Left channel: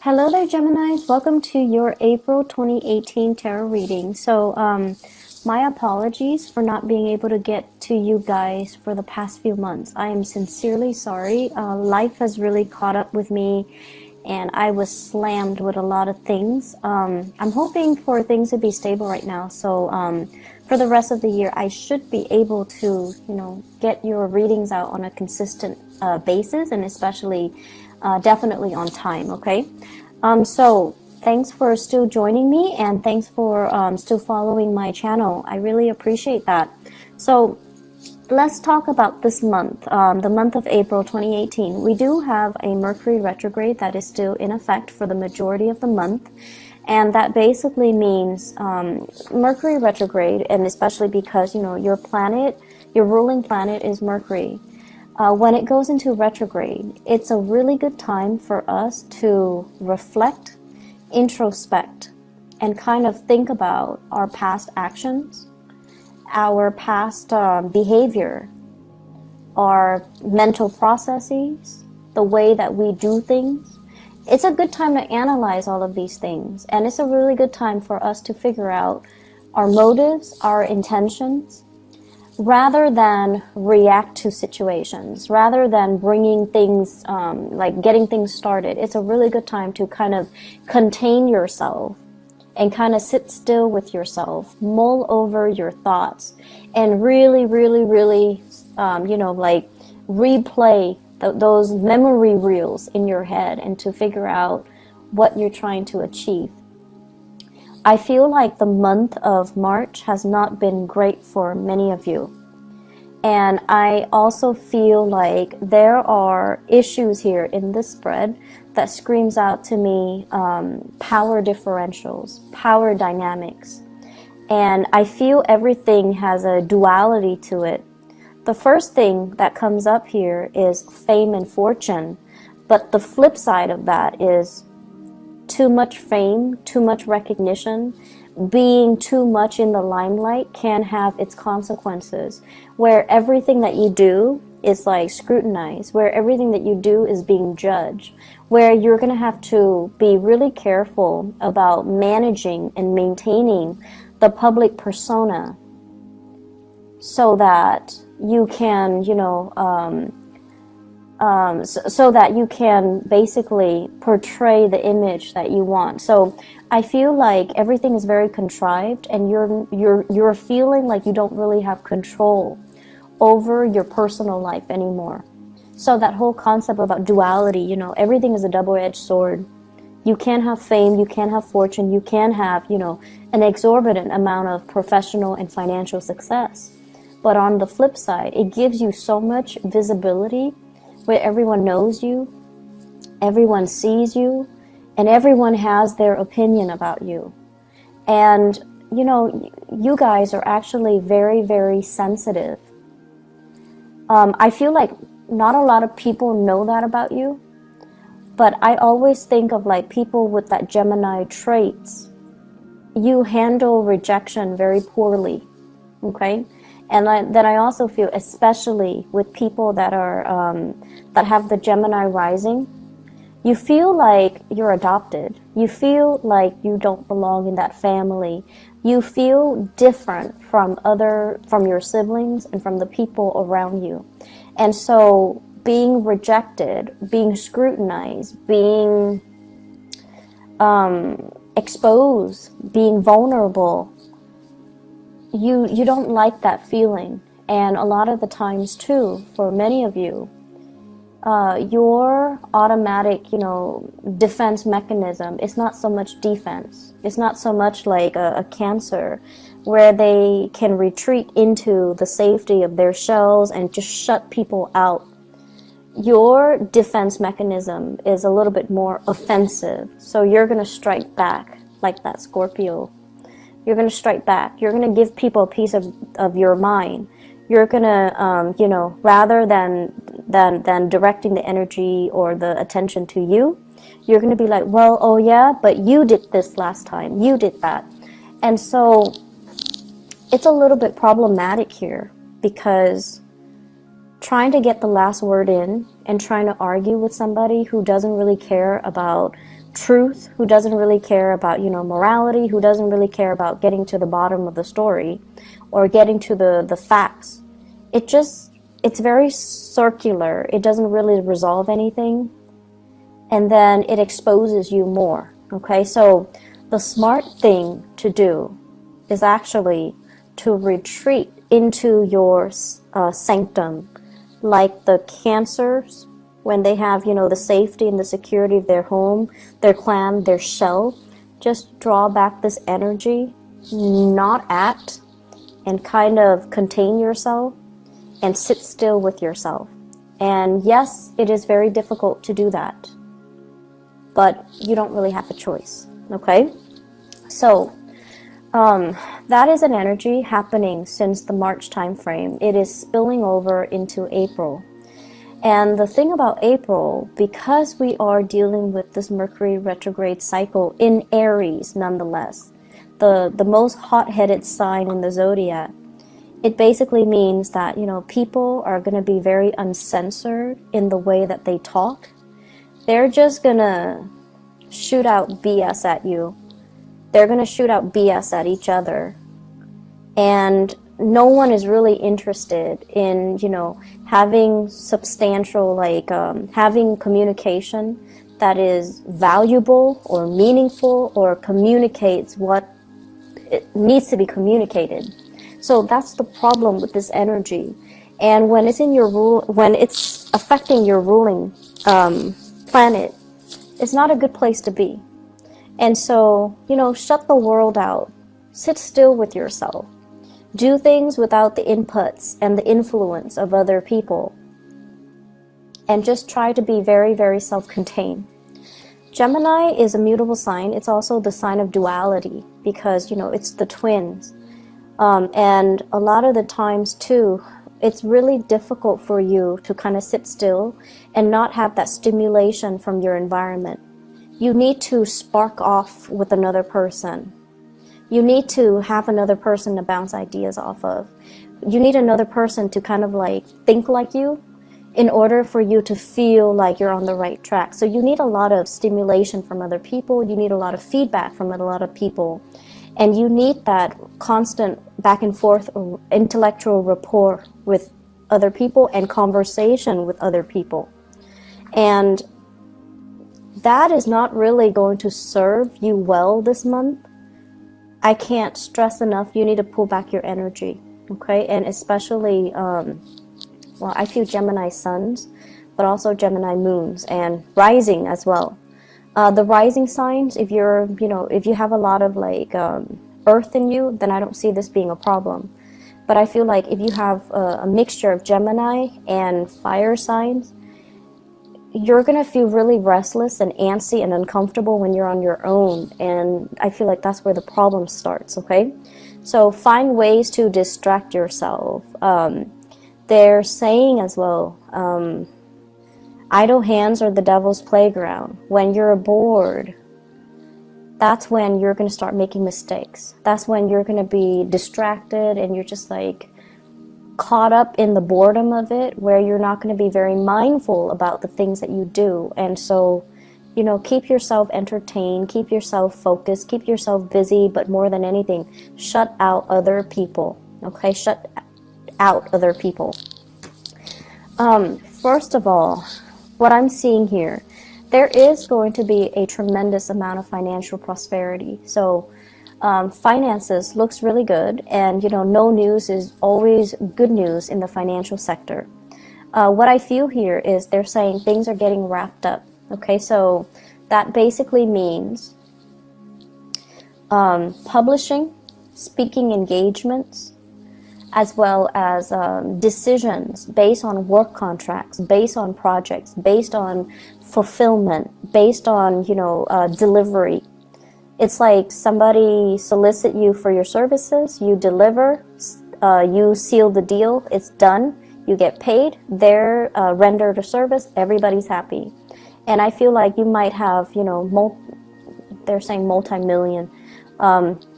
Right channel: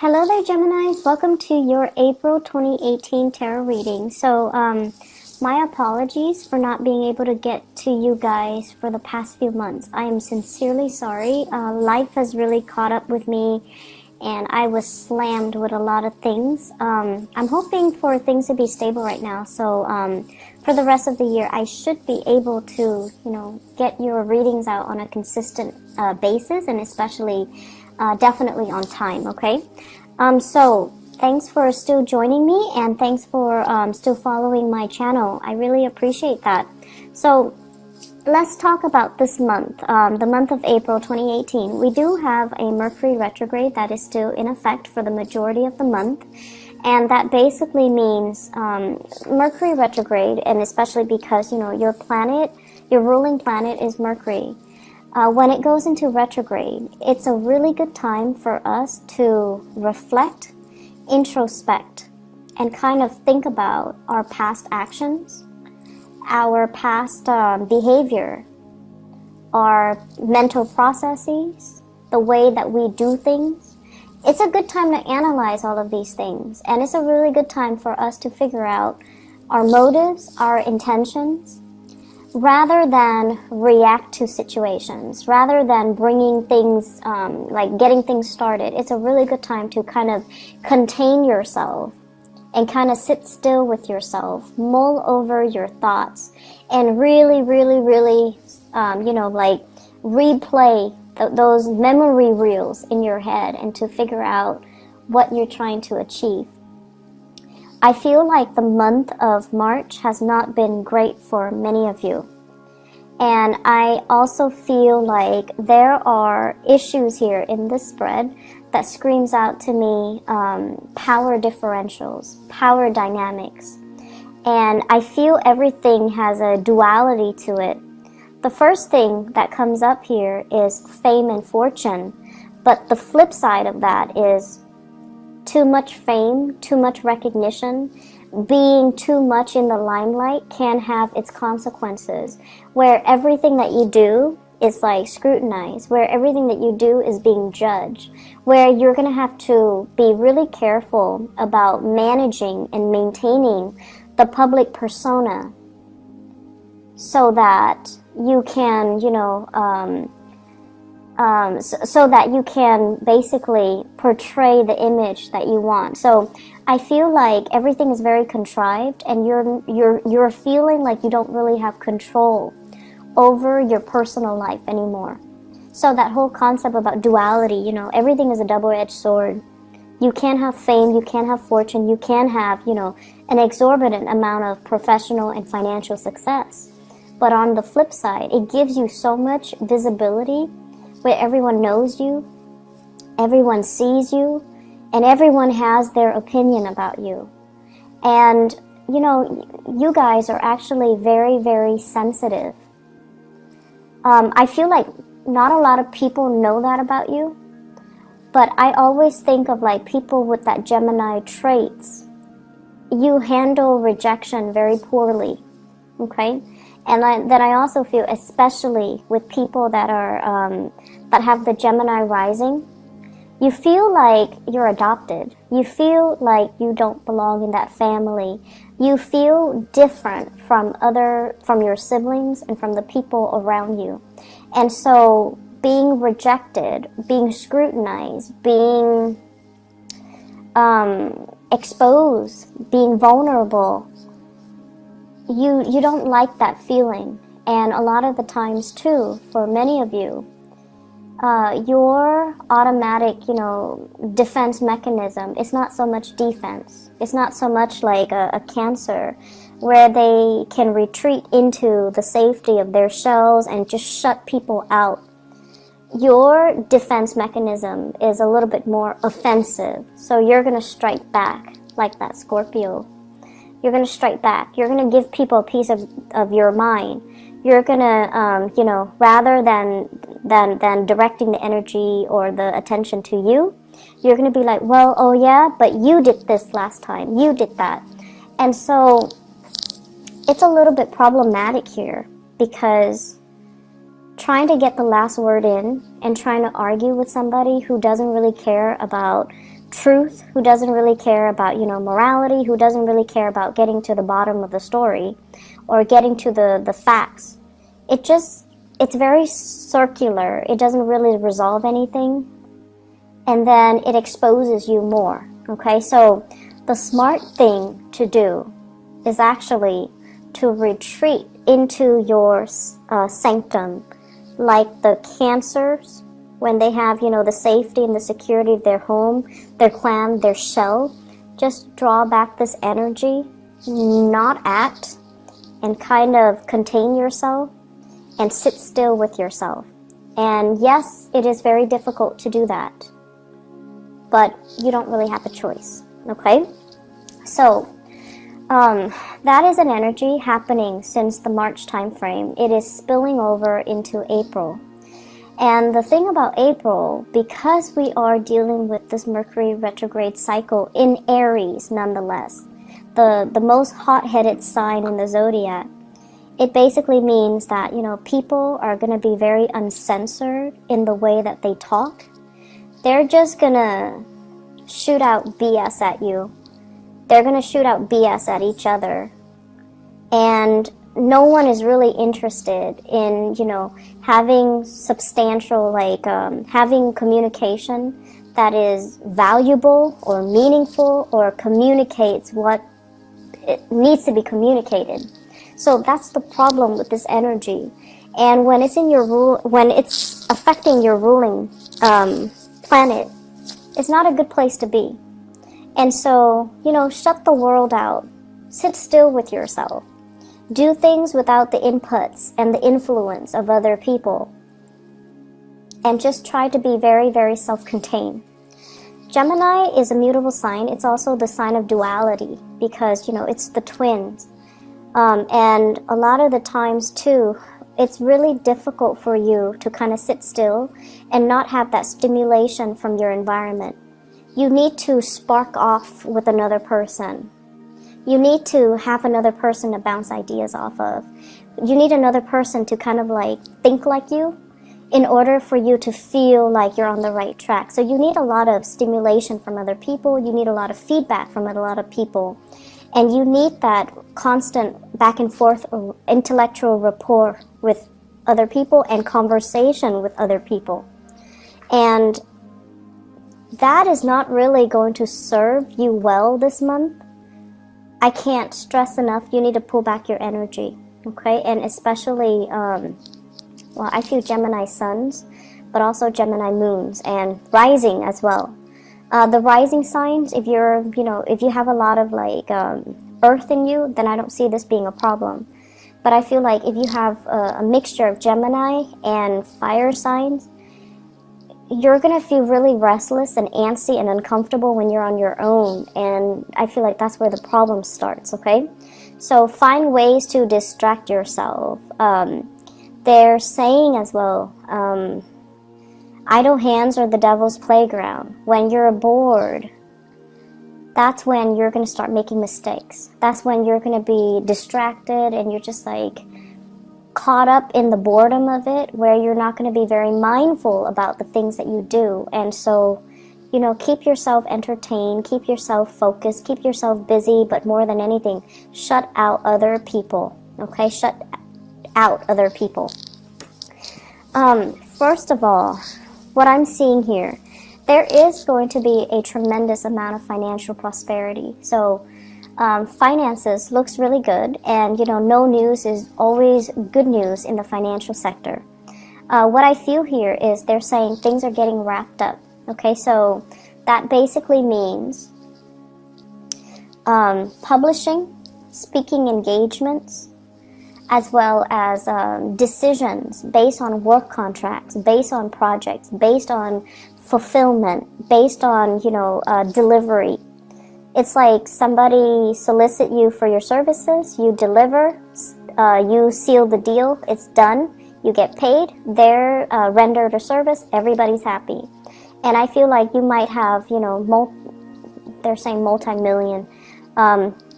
Hello there, Gemini. Welcome to your April 2018 tarot reading. My apologies for not being able to get to you guys for the past few months. I am sincerely sorry. Life has really caught up with me, and I was slammed with a lot of things. I'm hoping for things to be stable right now. For the rest of the year, I should be able to, get your readings out on a consistent basis, and especially definitely on time, okay? Thanks for still joining me, and thanks for still following my channel. I really appreciate that. So let's talk about this month, the month of April 2018. We do have a Mercury retrograde that is still in effect for the majority of the month. And that basically means Mercury retrograde, and especially because, your planet, your ruling planet is Mercury. When it goes into retrograde, it's a really good time for us to reflect, introspect, and kind of think about our past actions, our past behavior, our mental processes, the way that we do things. It's a good time to analyze all of these things, and it's a really good time for us to figure out our motives, our intentions, rather than react to situations, rather than bringing things, getting things started. It's a really good time to kind of contain yourself and kind of sit still with yourself, mull over your thoughts, and really, really, really, replay those memory reels in your head and to figure out what you're trying to achieve. I feel like the month of March has not been great for many of you. And I also feel like there are issues here in this spread that screams out to me power differentials, power dynamics. And I feel everything has a duality to it. The first thing that comes up here is fame and fortune. But the flip side of that is too much fame, too much recognition, being too much in the limelight can have its consequences, where everything that you do is scrutinized, where everything that you do is being judged, where you're going to have to be really careful about managing and maintaining the public persona so that you can, so that you can basically portray the image that you want. So I feel like everything's very contrived, and you're feeling like you don't really have control over your personal life anymore. So that whole concept about duality, everything is a double-edged sword. You can't have fame, you can't have fortune, you can't have, an exorbitant amount of professional and financial success. But on the flip side, it gives you so much visibility where everyone knows you, everyone sees you, and everyone has their opinion about you. And, you guys are actually very, very sensitive. I feel like not a lot of people know that about you, but I always think of people with that Gemini traits. You handle rejection very poorly, okay? And I also feel, especially with people that are that have the Gemini rising, you feel like you're adopted. You feel like you don't belong in that family. You feel different from your siblings and from the people around you. And so being rejected, being scrutinized, being exposed, being vulnerable, you don't like that feeling. And a lot of the times too, for many of you, your automatic, defense mechanism is not so much defense. It's not so much like a Cancer where they can retreat into the safety of their shells and just shut people out. Your defense mechanism is a little bit more offensive. So you're going to strike back like that Scorpio. You're going to strike back. You're going to give people a piece of your mind. You're going to, rather than directing the energy or the attention to you, you're going to be like, well, oh yeah, but you did this last time. You did that. And so it's a little bit problematic here because trying to get the last word in and trying to argue with somebody who doesn't really care about truth, who doesn't really care about, morality, who doesn't really care about getting to the bottom of the story or getting to the facts. It's very circular. It doesn't really resolve anything. And then it exposes you more. Okay, so the smart thing to do is actually to retreat into your sanctum, like the Cancers, when they have, the safety and the security of their home, their clan, their shell. Just draw back this energy, not act, and kind of contain yourself and sit still with yourself. And yes, it is very difficult to do that, but you don't really have a choice, okay? So, that is an energy happening since the March time frame. It is spilling over into April. And the thing about April, because we are dealing with this Mercury retrograde cycle in Aries nonetheless, the most hot-headed sign in the zodiac, it basically means that, people are going to be very uncensored in the way that they talk. They're just going to shoot out BS at you. They're going to shoot out BS at each other. And no one is really interested in, having substantial, having communication that is valuable or meaningful or communicates what it needs to be communicated. So that's the problem with this energy. And when it's in your when it's affecting your ruling planet, it's not a good place to be. And so, shut the world out. Sit still with yourself. Do things without the inputs and the influence of other people. And just try to be very, very self-contained. Gemini is a mutable sign. It's also the sign of duality because, it's the twins. And a lot of the times, too, it's really difficult for you to kind of sit still and not have that stimulation from your environment. You need to spark off with another person. You need to have another person to bounce ideas off of. You need another person to kind of think like you in order for you to feel like you're on the right track. So you need a lot of stimulation from other people. You need a lot of feedback from a lot of people. And you need that constant back and forth intellectual rapport with other people and conversation with other people. And that is not really going to serve you well this month. I can't stress enough, you need to pull back your energy, okay? And especially, I feel Gemini suns, but also Gemini moons and rising as well. The rising signs, if you have a lot of earth in you, then I don't see this being a problem. But I feel like if you have a mixture of Gemini and fire signs, you're going to feel really restless and antsy and uncomfortable when you're on your own. And I feel like that's where the problem starts, okay? So find ways to distract yourself. They're saying as well, idle hands are the devil's playground. When you're bored, that's when you're going to start making mistakes. That's when you're going to be distracted and you're just caught up in the boredom of it, where you're not going to be very mindful about the things that you do. And so, keep yourself entertained, keep yourself focused, keep yourself busy, but more than anything, shut out other people, okay? Shut out other people. First of all, what I'm seeing here, there is going to be a tremendous amount of financial prosperity. So, finances looks really good, and no news is always good news in the financial sector. What I feel here is they're saying things are getting wrapped up. Okay, so that basically means publishing, speaking engagements, as well as decisions based on work contracts, based on projects, based on fulfillment, based on delivery. It's like somebody solicit you for your services, you deliver, you seal the deal, it's done, you get paid, they're rendered a service, everybody's happy. And I feel like you might have, they're saying multi-million,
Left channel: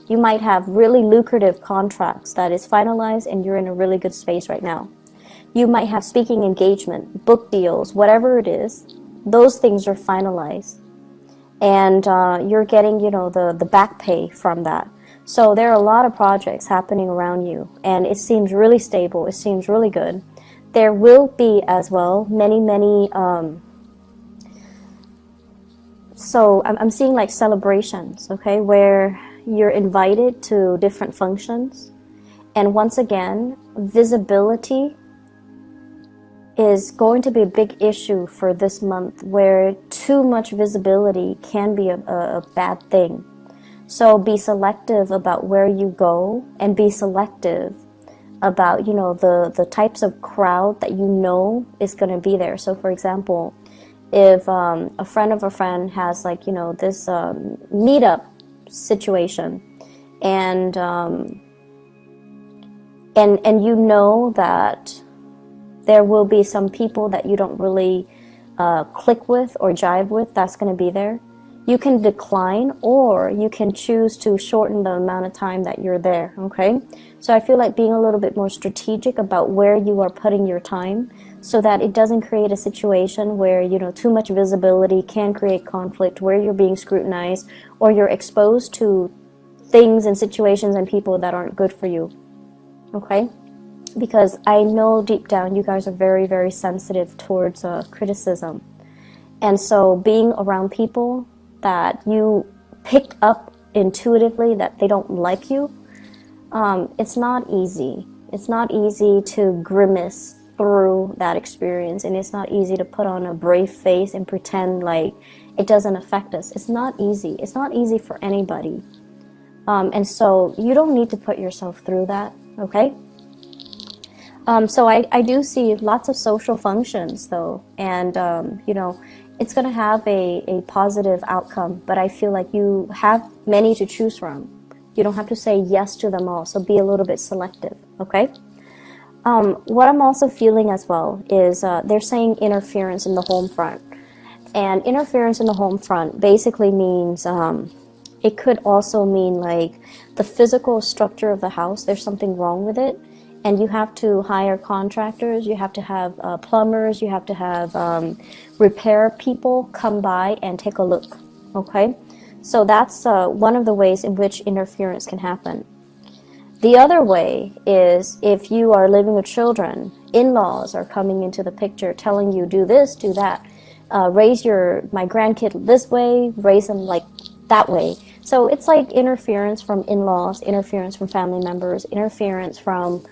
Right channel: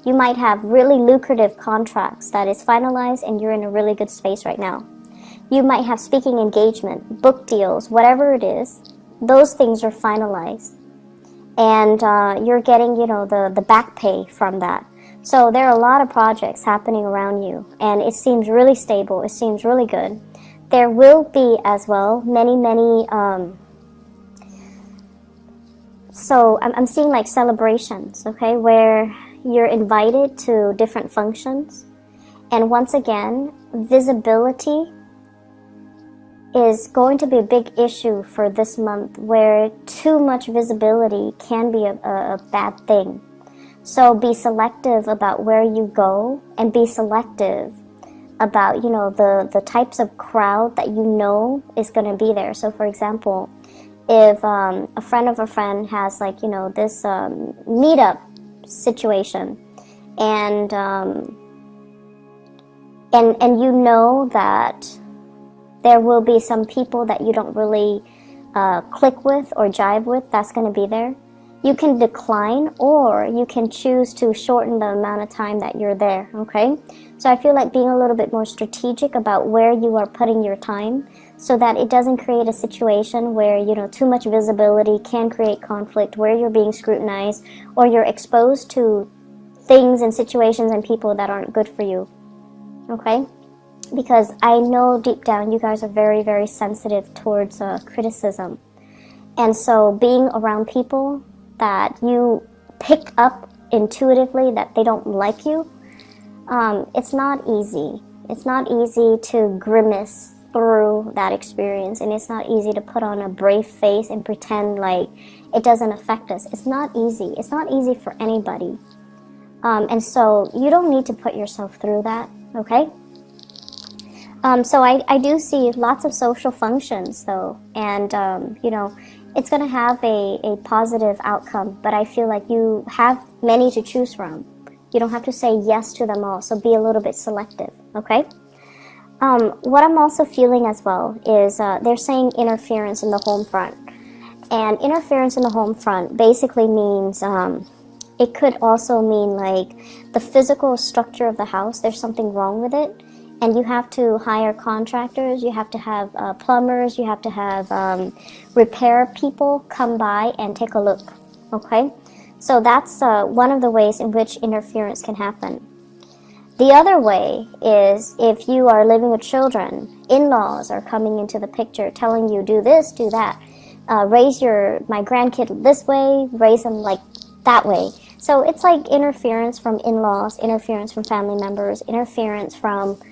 you might have really lucrative contracts that is finalized and you're in a really good space right now. You might have speaking engagement, book deals, whatever it is. Those things are finalized. And you're getting, the back pay from that. So there are a lot of projects happening around you, and it seems really stable. It seems really good. There will be as well many, so I'm seeing like celebrations, okay, where you're invited to different functions. And once again, visibility is going to be a big issue for this month, where too much visibility can be a bad thing. So be selective about where you go, and be selective about, the types of crowd that you know is going to be there. So for example, if a friend of a friend has like, this meetup situation, and you know that there will be some people that you don't really click with or jive with that's going to be there, you can decline, or you can choose to shorten the amount of time that you're there, okay? So I feel like being a little bit more strategic about where you are putting your time, so that it doesn't create a situation where, too much visibility can create conflict, where you're being scrutinized, or you're exposed to things and situations and people that aren't good for you, okay? Because I know deep down you guys are very, very sensitive towards criticism. And so being around people that you pick up intuitively that they don't like you, it's not easy. It's not easy to grimace through that experience, and it's not easy to put on a brave face and pretend like it doesn't affect us. It's not easy. It's not easy for anybody. And so you don't need to put yourself through that, okay? So I do see lots of social functions, though, and, it's going to have a positive outcome, but I feel like you have many to choose from. You don't have to say yes to them all, so be a little bit selective, okay? What I'm also feeling as well is they're saying interference in the home front. And interference in the home front basically means, it could also mean like the physical structure of the house, there's something wrong with it, and you have to hire contractors, you have to have plumbers, you have to have repair people come by and take a look, okay? So that's one of the ways in which interference can happen. The other way is if you are living with children, in-laws are coming into the picture telling you do this, do that, raise my grandkid this way, raise them like that way. So it's like interference from in-laws, interference from family members, interference from,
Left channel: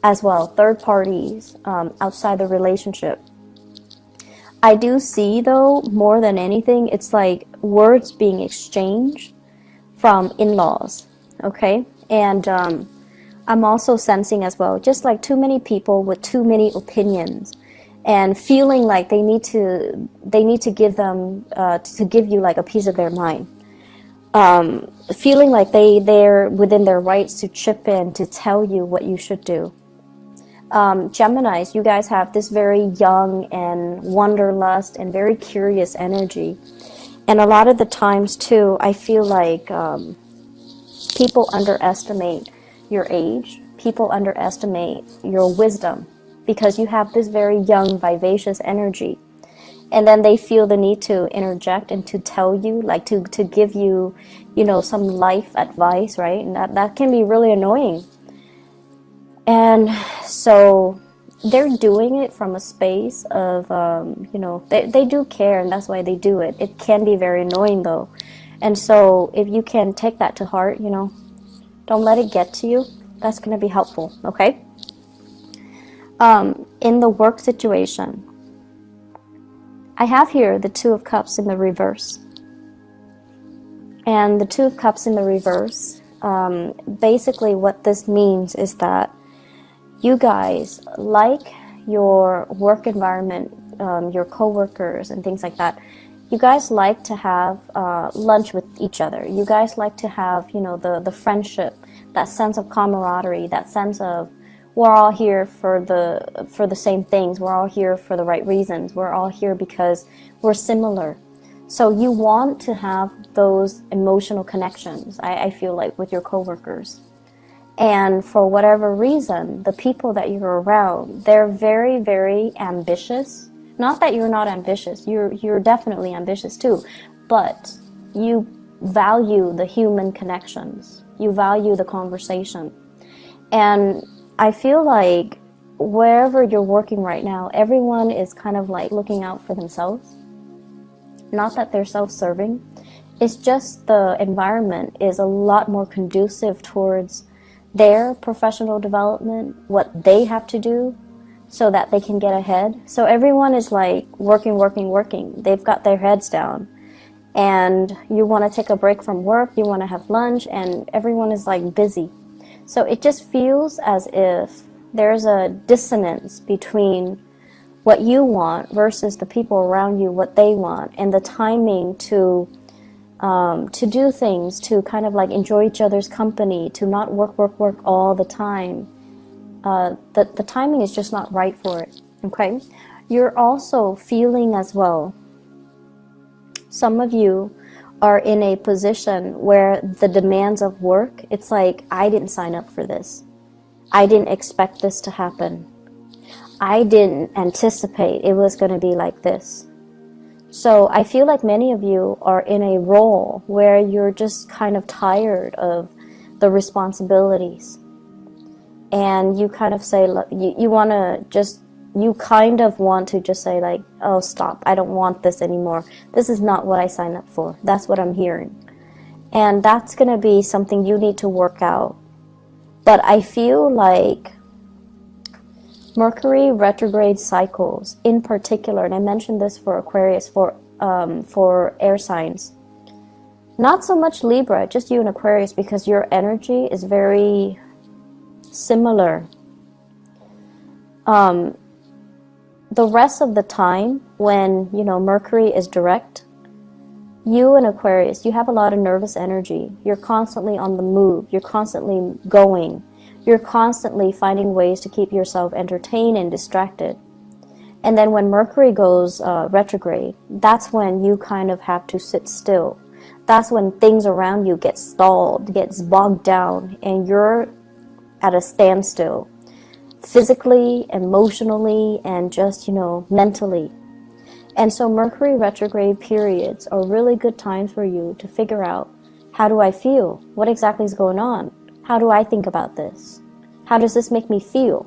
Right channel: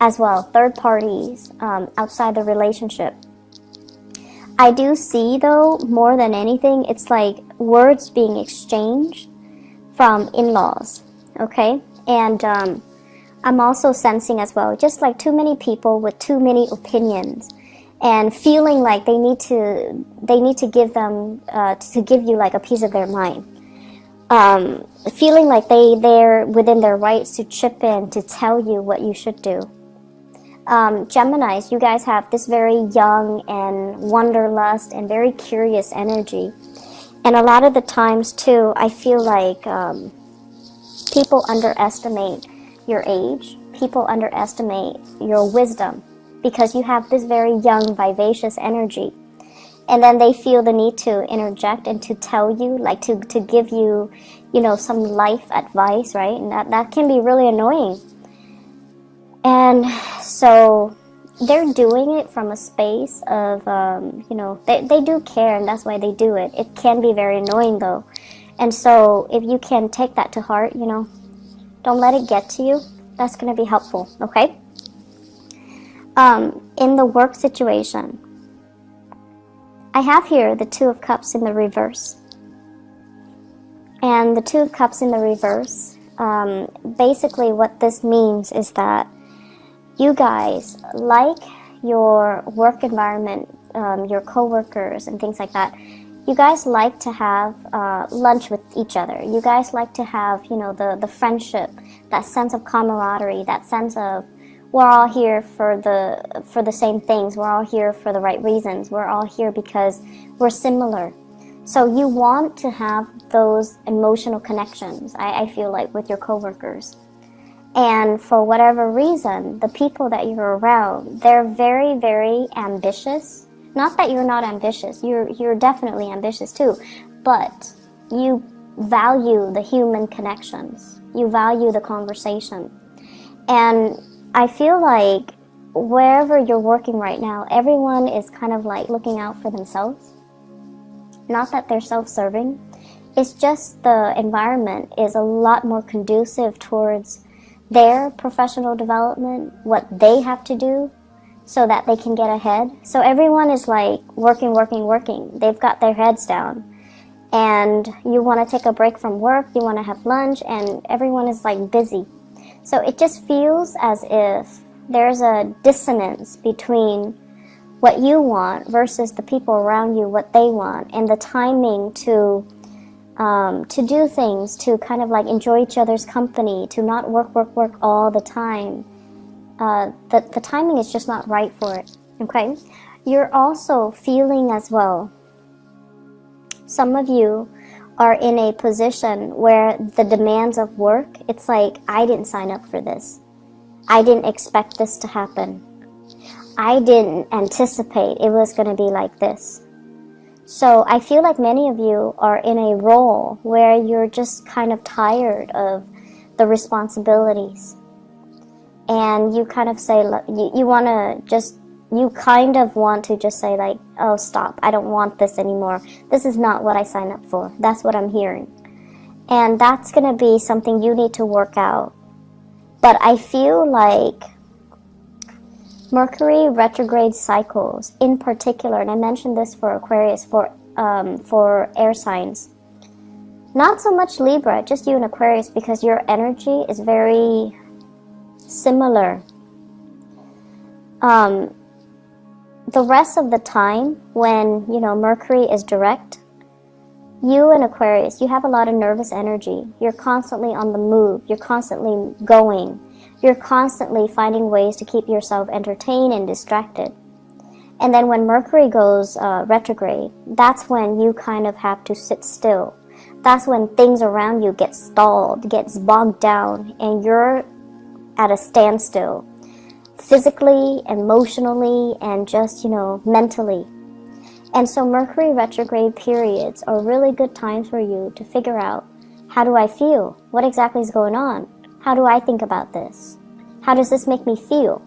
as well, third parties outside the relationship. I do see, though, more than anything, it's like words being exchanged from in-laws, okay? And I'm also sensing as well, just like too many people with too many opinions, and feeling like they need to give you like a piece of their mind. Feeling like they're within their rights to chip in to tell you what you should do. Geminis, you guys have this very young and wanderlust and very curious energy. And a lot of the times, too, I feel like people underestimate your age. People underestimate your wisdom because you have this very young, vivacious energy. And then they feel the need to interject and to tell you, like to give you, some life advice, right? And that can be really annoying. And so they're doing it from a space of, they do care, and that's why they do it. It can be very annoying, though. And so if you can take that to heart, don't let it get to you. That's going to be helpful, okay? In the work situation, I have here the Two of Cups in the reverse. And the Two of Cups in the reverse, basically what this means is that you guys like your work environment, your coworkers and things like that. You guys like to have lunch with each other. You guys like to have, the friendship, that sense of camaraderie, that sense of we're all here for the same things. We're all here for the right reasons. We're all here because we're similar. So you want to have those emotional connections, I feel like, with your coworkers. And for whatever reason, the people that you're around, they're very, very ambitious. Not that you're not ambitious, you're definitely ambitious too, but you value the human connections. You value the conversation. And I feel like wherever you're working right now, everyone is kind of like looking out for themselves. Not that they're self-serving. It's just the environment is a lot more conducive towards their professional development, what they have to do so that they can get ahead. So everyone is like working. They've got their heads down. And you want to take a break from work, you want to have lunch, and everyone is like busy. So it just feels as if there's a dissonance between what you want versus the people around you, what they want, and the timing to do things, to kind of like enjoy each other's company, to not work all the time. The timing is just not right for it, okay? You're also feeling as well, some of you are in a position where the demands of work, it's like, I didn't sign up for this. I didn't expect this to happen. I didn't anticipate it was going to be like this. So I feel like many of you are in a role where you're just kind of tired of the responsibilities. And you kind of say, look, you kind of want to just say like, oh, stop, I don't want this anymore. This is not what I signed up for. That's what I'm hearing. And that's going to be something you need to work out. But I feel like Mercury retrograde cycles in particular, and I mentioned this for Aquarius, for air signs. Not so much Libra, just you and Aquarius, because your energy is very similar. The rest of the time, when, Mercury is direct, you and Aquarius, you have a lot of nervous energy. You're constantly on the move. You're constantly going. You're constantly finding ways to keep yourself entertained and distracted. And then when Mercury goes retrograde, that's when you kind of have to sit still. That's when things around you get stalled, gets bogged down, and you're at a standstill. Physically, emotionally, and just, mentally. And so Mercury retrograde periods are really good times for you to figure out, how do I feel? What exactly is going on? How do I think about this? How does this make me feel?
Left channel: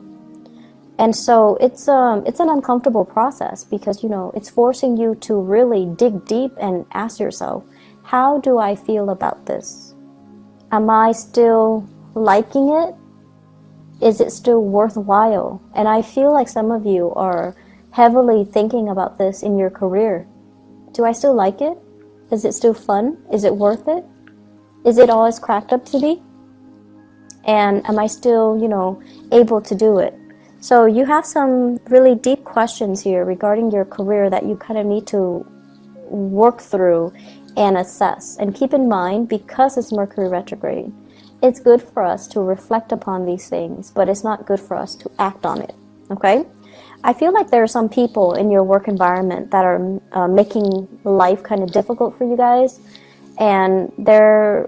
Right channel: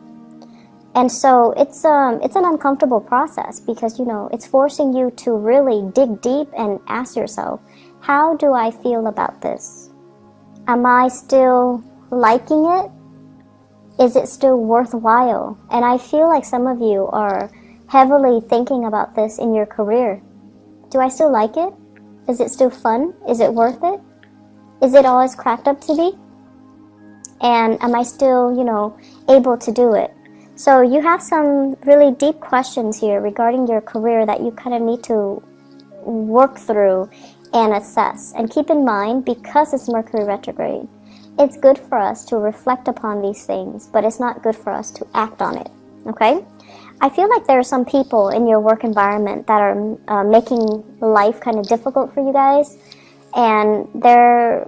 And so it's an uncomfortable process because, it's forcing you to really dig deep and ask yourself, how do I feel about this? Am I still liking it? Is it still worthwhile? And I feel like some of you are heavily thinking about this in your career. Do I still like it? Is it still fun? Is it worth it? Is it all it's cracked up to be? And am I still, able to do it? So you have some really deep questions here regarding your career that you kind of need to work through and assess. And keep in mind, because it's Mercury retrograde, it's good for us to reflect upon these things, but it's not good for us to act on it, okay? I feel like there are some people in your work environment that are making life kind of difficult for you guys, and they're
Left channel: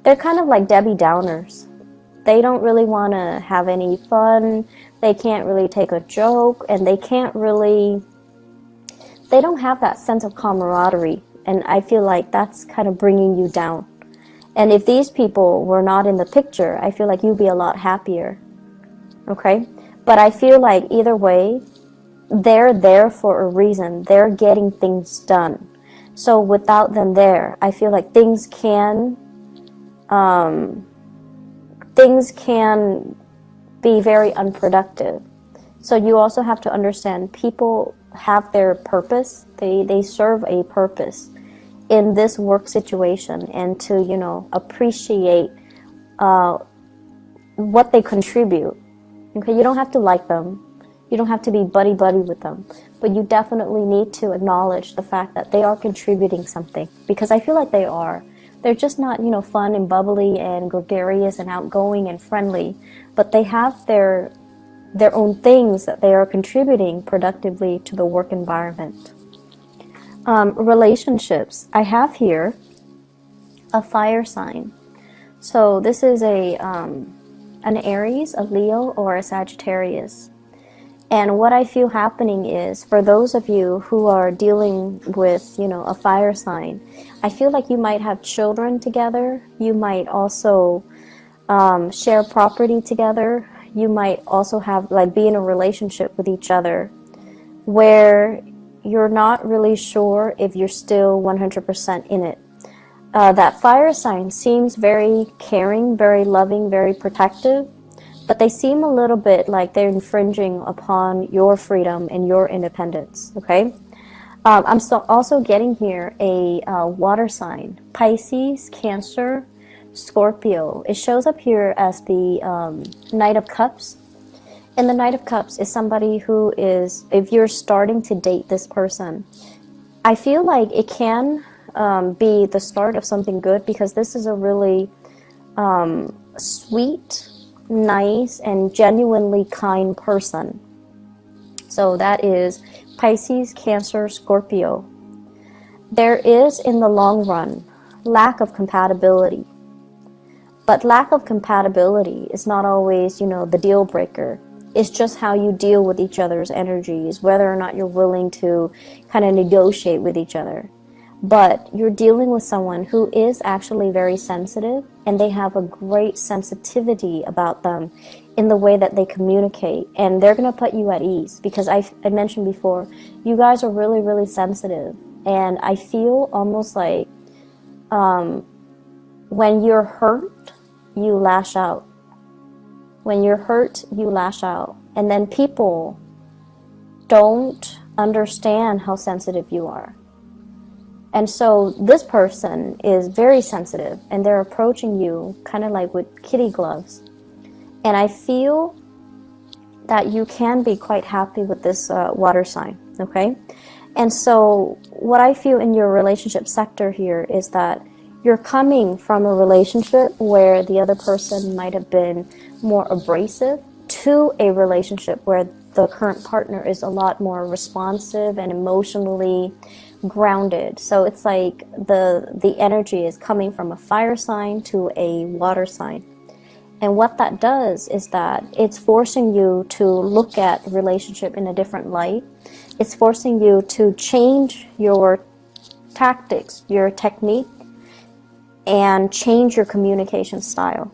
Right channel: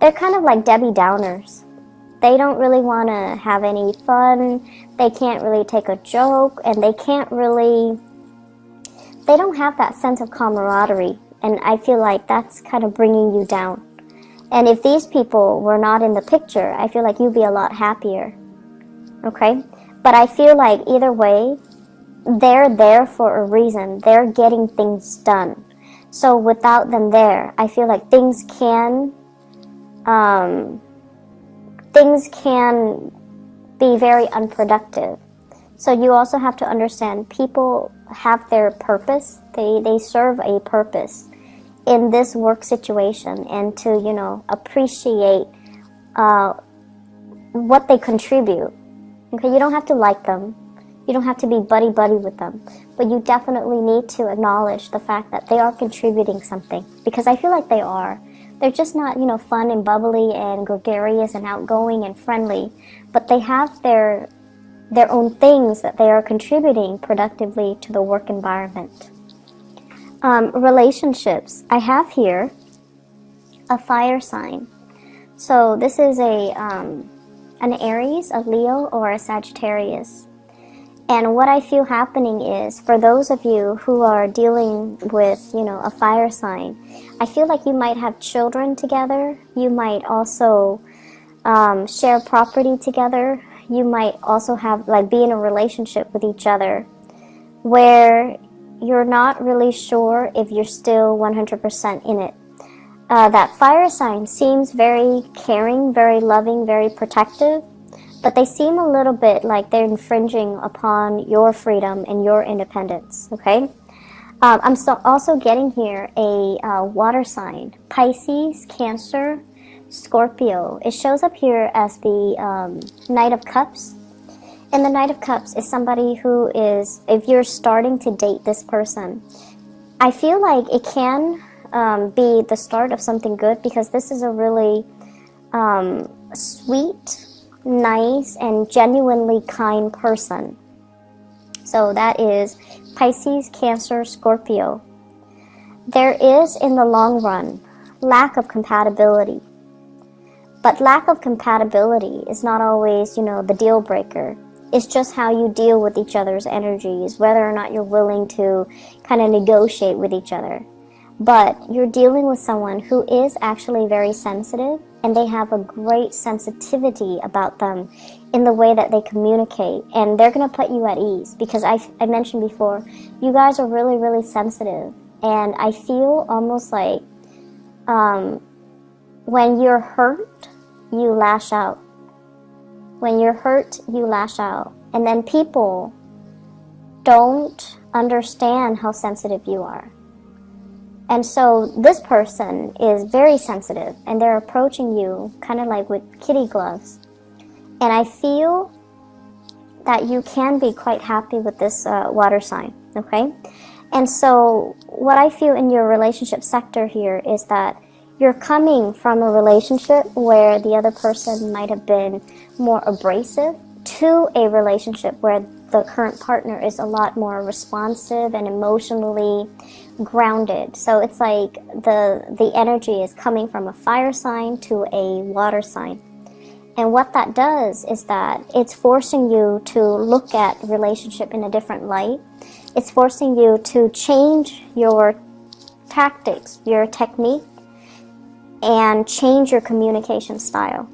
kind of like Debbie Downers. They don't really want to have any fun, they can't really take a joke, and they don't have that sense of camaraderie, and I feel like that's kind of bringing you down. And if these people were not in the picture, I feel like you'd be a lot happier, okay? But I feel like either way, they're there for a reason. They're getting things done. So without them there, I feel like things can be very unproductive. So you also have to understand people have their purpose. They serve a purpose in this work situation, and to, appreciate what they contribute. Okay, you don't have to like them. You don't have to be buddy-buddy with them. But you definitely need to acknowledge the fact that they are contributing something. Because I feel like they are. They're just not, fun and bubbly and gregarious and outgoing and friendly. But they have their own things that they are contributing productively to the work environment. Relationships. I have here a fire sign So this is an Aries, a Leo, or a Sagittarius. And what I feel happening is, for those of you who are dealing with, a fire sign, I feel like you might have children together. You might also share property together. You might also have, be in a relationship with each other where you're not really sure if you're still 100% in it. That fire sign seems very caring, very loving, very protective, but they seem a little bit like they're infringing upon your freedom and your independence, okay? I'm also getting here a water sign, Pisces, Cancer, Scorpio. It shows up here as the Knight of Cups. And the Knight of Cups is somebody who is, if you're starting to date this person, I feel like it can be the start of something good, because this is a really sweet, nice, and genuinely kind person. So that is Pisces, Cancer, Scorpio. There is, in the long run, lack of compatibility. But lack of compatibility is not always, the deal breaker. It's just how you deal with each other's energies, whether or not you're willing to kind of negotiate with each other. But you're dealing with someone who is actually very sensitive, and they have a great sensitivity about them in the way that they communicate, and they're going to put you at ease, because I mentioned before, you guys are really, really sensitive, and I feel almost like when you're hurt, you lash out. When you're hurt, you lash out, and then people don't understand how sensitive you are. And so this person is very sensitive, and they're approaching you kind of like with kitty gloves. And I feel that you can be quite happy with this water sign, okay? And so what I feel in your relationship sector here is that you're coming from a relationship where the other person might have been more abrasive to a relationship where the current partner is a lot more responsive and emotionally grounded. So it's like the energy is coming from a fire sign to a water sign. And what that does is that it's forcing you to look at relationship in a different light. It's forcing you to change your tactics, your technique, and change your communication style.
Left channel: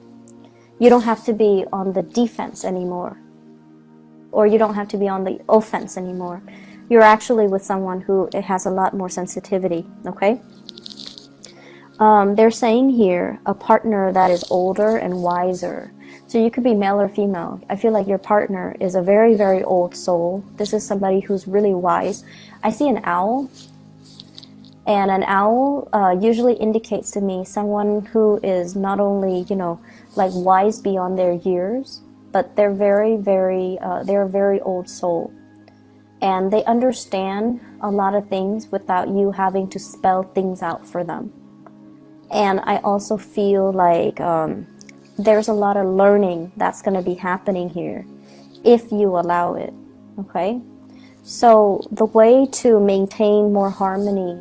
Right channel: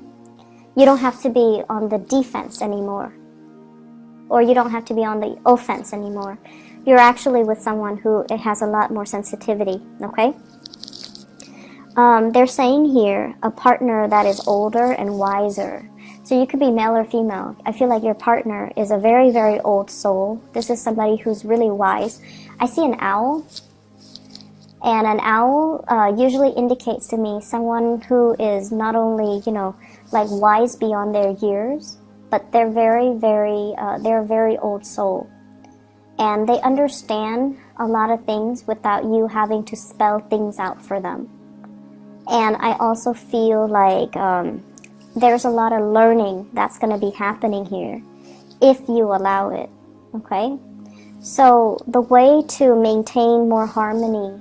You don't have to be on the defense anymore, or you don't have to be on the offense anymore. You're actually with someone who it has a lot more sensitivity, okay? They're saying here a partner that is older and wiser. So you could be male or female. I feel like your partner is a very, very old soul. This is somebody who's really wise. I see an owl. And an owl usually indicates to me someone who is not only, wise beyond their years, but they're they're a very old soul. And they understand a lot of things without you having to spell things out for them. And I also feel like there's a lot of learning that's going to be happening here if you allow it, okay? So the way to maintain more harmony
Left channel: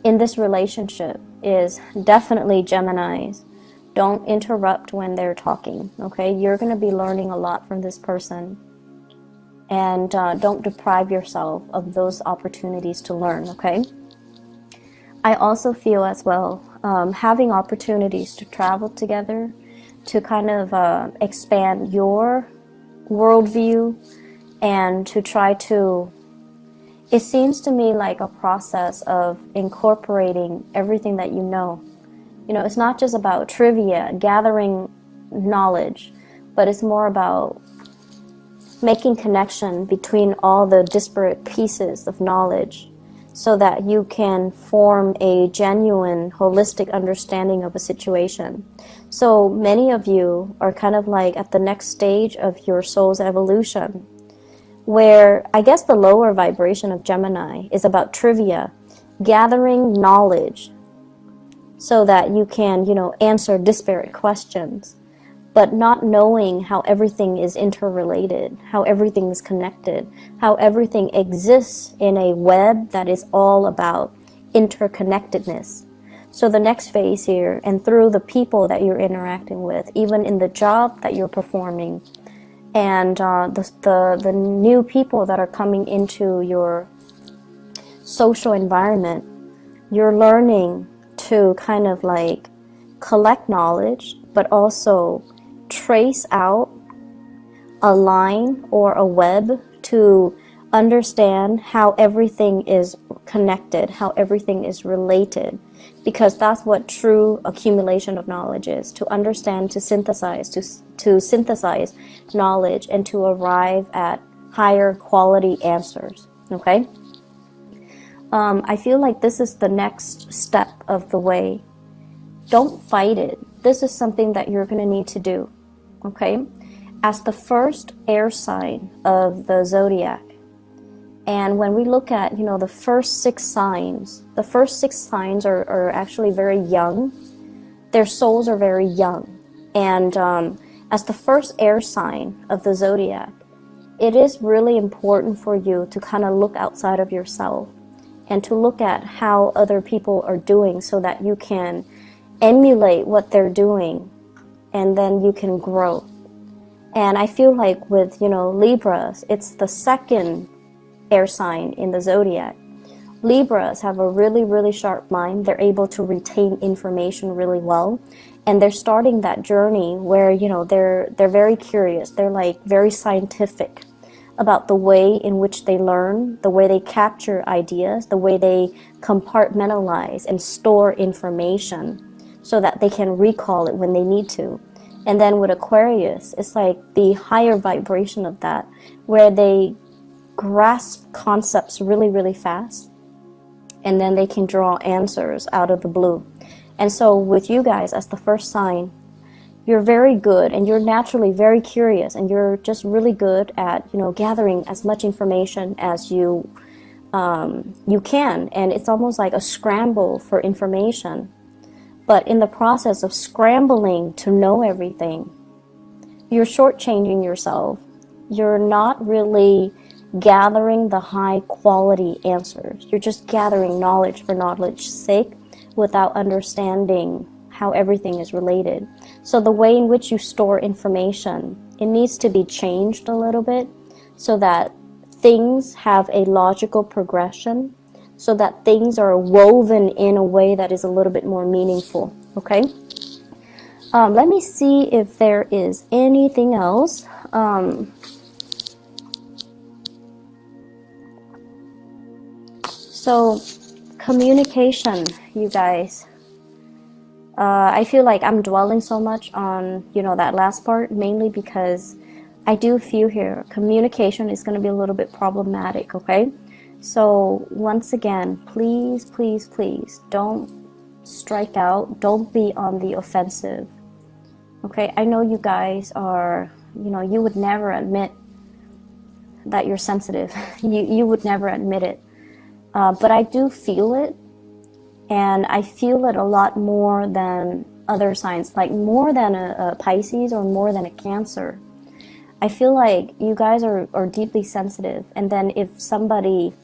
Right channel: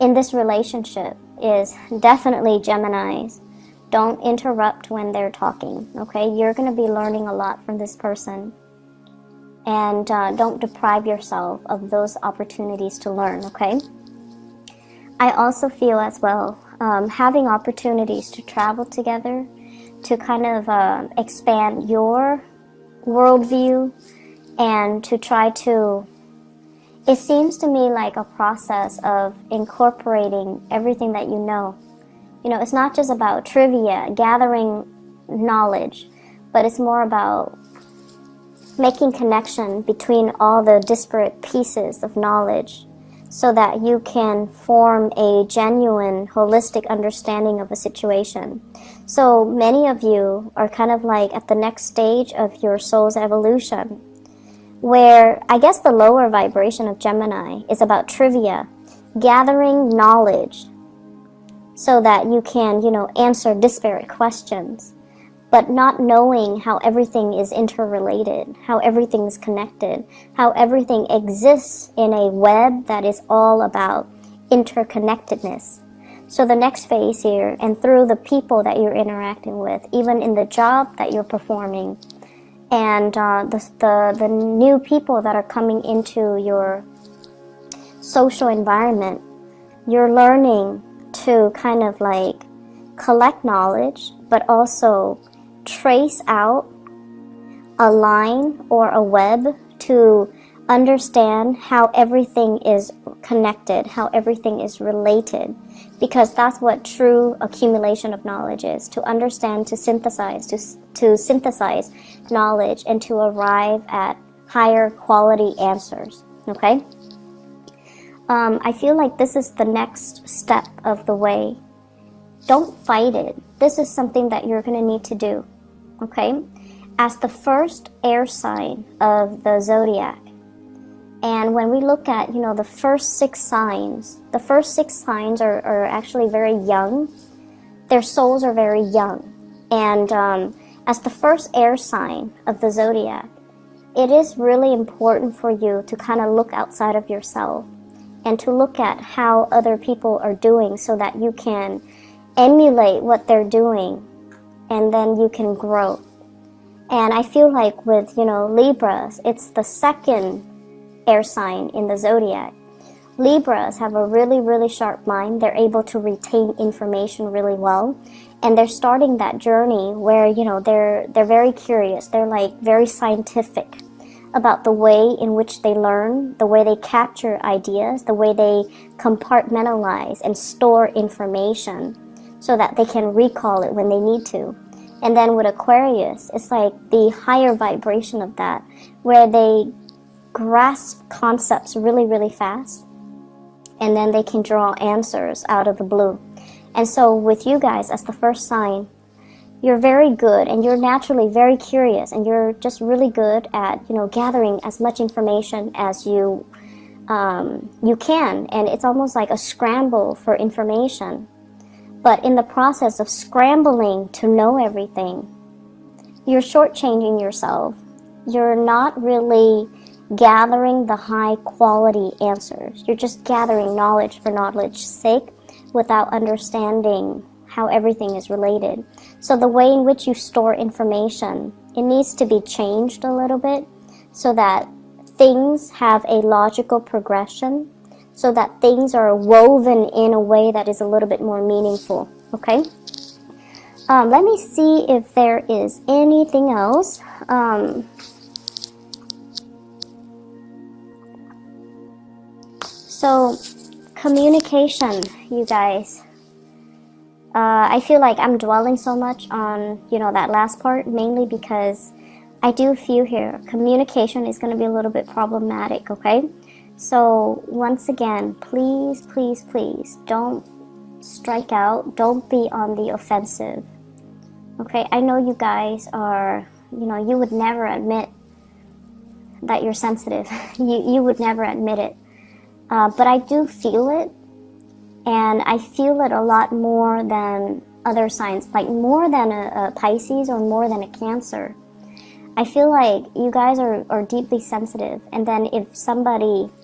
in this relationship is definitely Geminis. Don't interrupt when they're talking, okay? You're going to be learning a lot from this person. And don't deprive yourself of those opportunities to learn, okay? I also feel as well, having opportunities to travel together, to kind of expand your worldview, and to try to, it seems to me like a process of incorporating everything that you know. It's not just about trivia, gathering knowledge, but it's more about making connection between all the disparate pieces of knowledge so that you can form a genuine, holistic understanding of the situation. So many of you are kind of like at the next stage of your soul's evolution, where I guess the lower vibration of Gemini is about trivia, gathering knowledge so that you can, answer disparate questions, but not knowing how everything is interrelated, how everything is connected, how everything exists in a web that is all about interconnectedness. So the next phase here, and through the people that you're interacting with, even in the job that you're performing, and the new people that are coming into your social environment, you're learning to kind of like collect knowledge, but also trace out a line or a web to understand how everything is connected, how everything is related, because that's what true accumulation of knowledge is, to understand, to synthesize knowledge and to arrive at higher quality answers, okay? I feel like this is the next step of the way. Don't fight it. This is something that you're going to need to do, okay? As the first air sign of the zodiac, and when we look at, the first 6 signs, are actually very young. Their souls are very young. And as the first air sign of the zodiac, it is really important for you to kind of look outside of yourself and to look at how other people are doing so that you can emulate what they're doing, and then you can grow. And I feel like with, Libras, it's the second air sign in the zodiac. Libras have a really, really sharp mind. They're able to retain information really well. And they're starting that journey where, they're very curious. They're like very scientific about the way in which they learn, the way they capture ideas, the way they compartmentalize and store information so that they can recall it when they need to. And then with Aquarius, it's like the higher vibration of that, where they grasp concepts really, really fast, and then they can draw answers out of the blue. And so with you guys as the first sign, you're very good, and you're naturally very curious, and you're just really good at, gathering as much information as you can, and it's almost like a scramble for information. But in the process of scrambling to know everything, you're shortchanging yourself. You're not really gathering the high quality answers. You're just gathering knowledge for knowledge's sake without understanding how everything is related. So the way in which you store information, it needs to be changed a little bit so that things have a logical progression, so that things are woven in a way that is a little bit more meaningful, okay? Let me see if there is anything else. So, communication, you guys. I feel like I'm dwelling so much on, that last part, mainly because I do feel here communication is going to be a little bit problematic, okay? So, once again, please, please, please, don't strike out. Don't be on the offensive. Okay, I know you guys are, you would never admit that you're sensitive. You would never admit it. But I do feel it, and I feel it a lot more than other signs, like more than a Pisces or more than a Cancer. I feel like you guys are deeply sensitive, and then if somebody,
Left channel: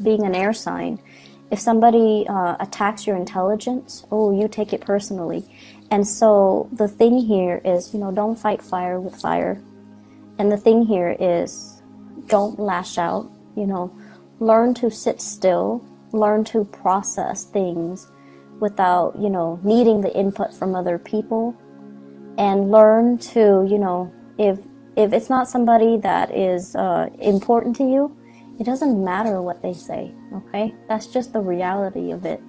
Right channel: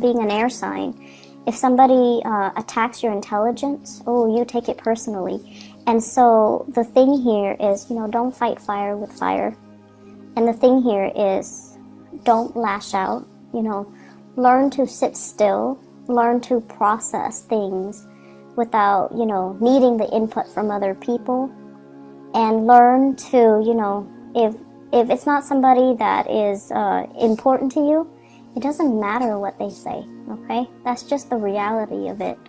being an air sign, if somebody attacks your intelligence, you take it personally. And so the thing here is, don't fight fire with fire. And the thing here is, don't lash out, learn to sit still, learn to process things without, needing the input from other people, and learn to, if it's not somebody that is important to you, it doesn't matter what they say, okay? That's just the reality of it.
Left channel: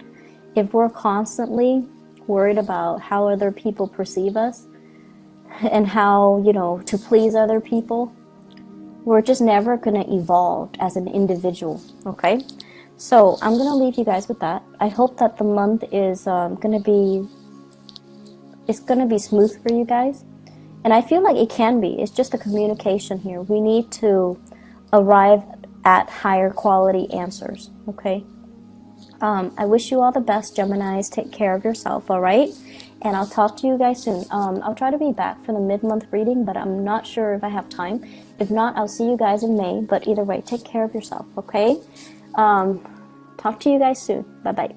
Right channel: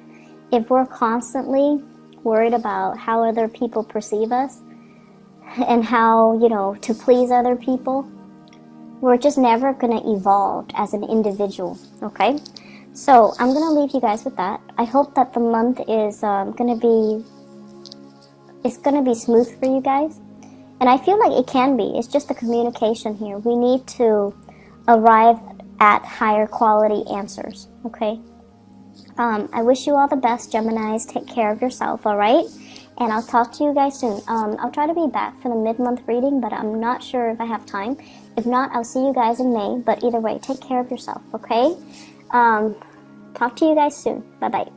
If we're constantly worried about how other people perceive us and how, to please other people, we're just never going to evolve as an individual, okay? So I'm going to leave you guys with that. I hope that the month is going to be smooth for you guys. And I feel like it can be. It's just a communication here. We need to arrive at higher quality answers, okay? I wish you all the best, Geminis. Take care of yourself, all right? And I'll talk to you guys soon. I'll try to be back for the mid-month reading, but I'm not sure if I have time. If not, I'll see you guys in May. But either way, take care of yourself, okay? Talk to you guys soon. Bye-bye.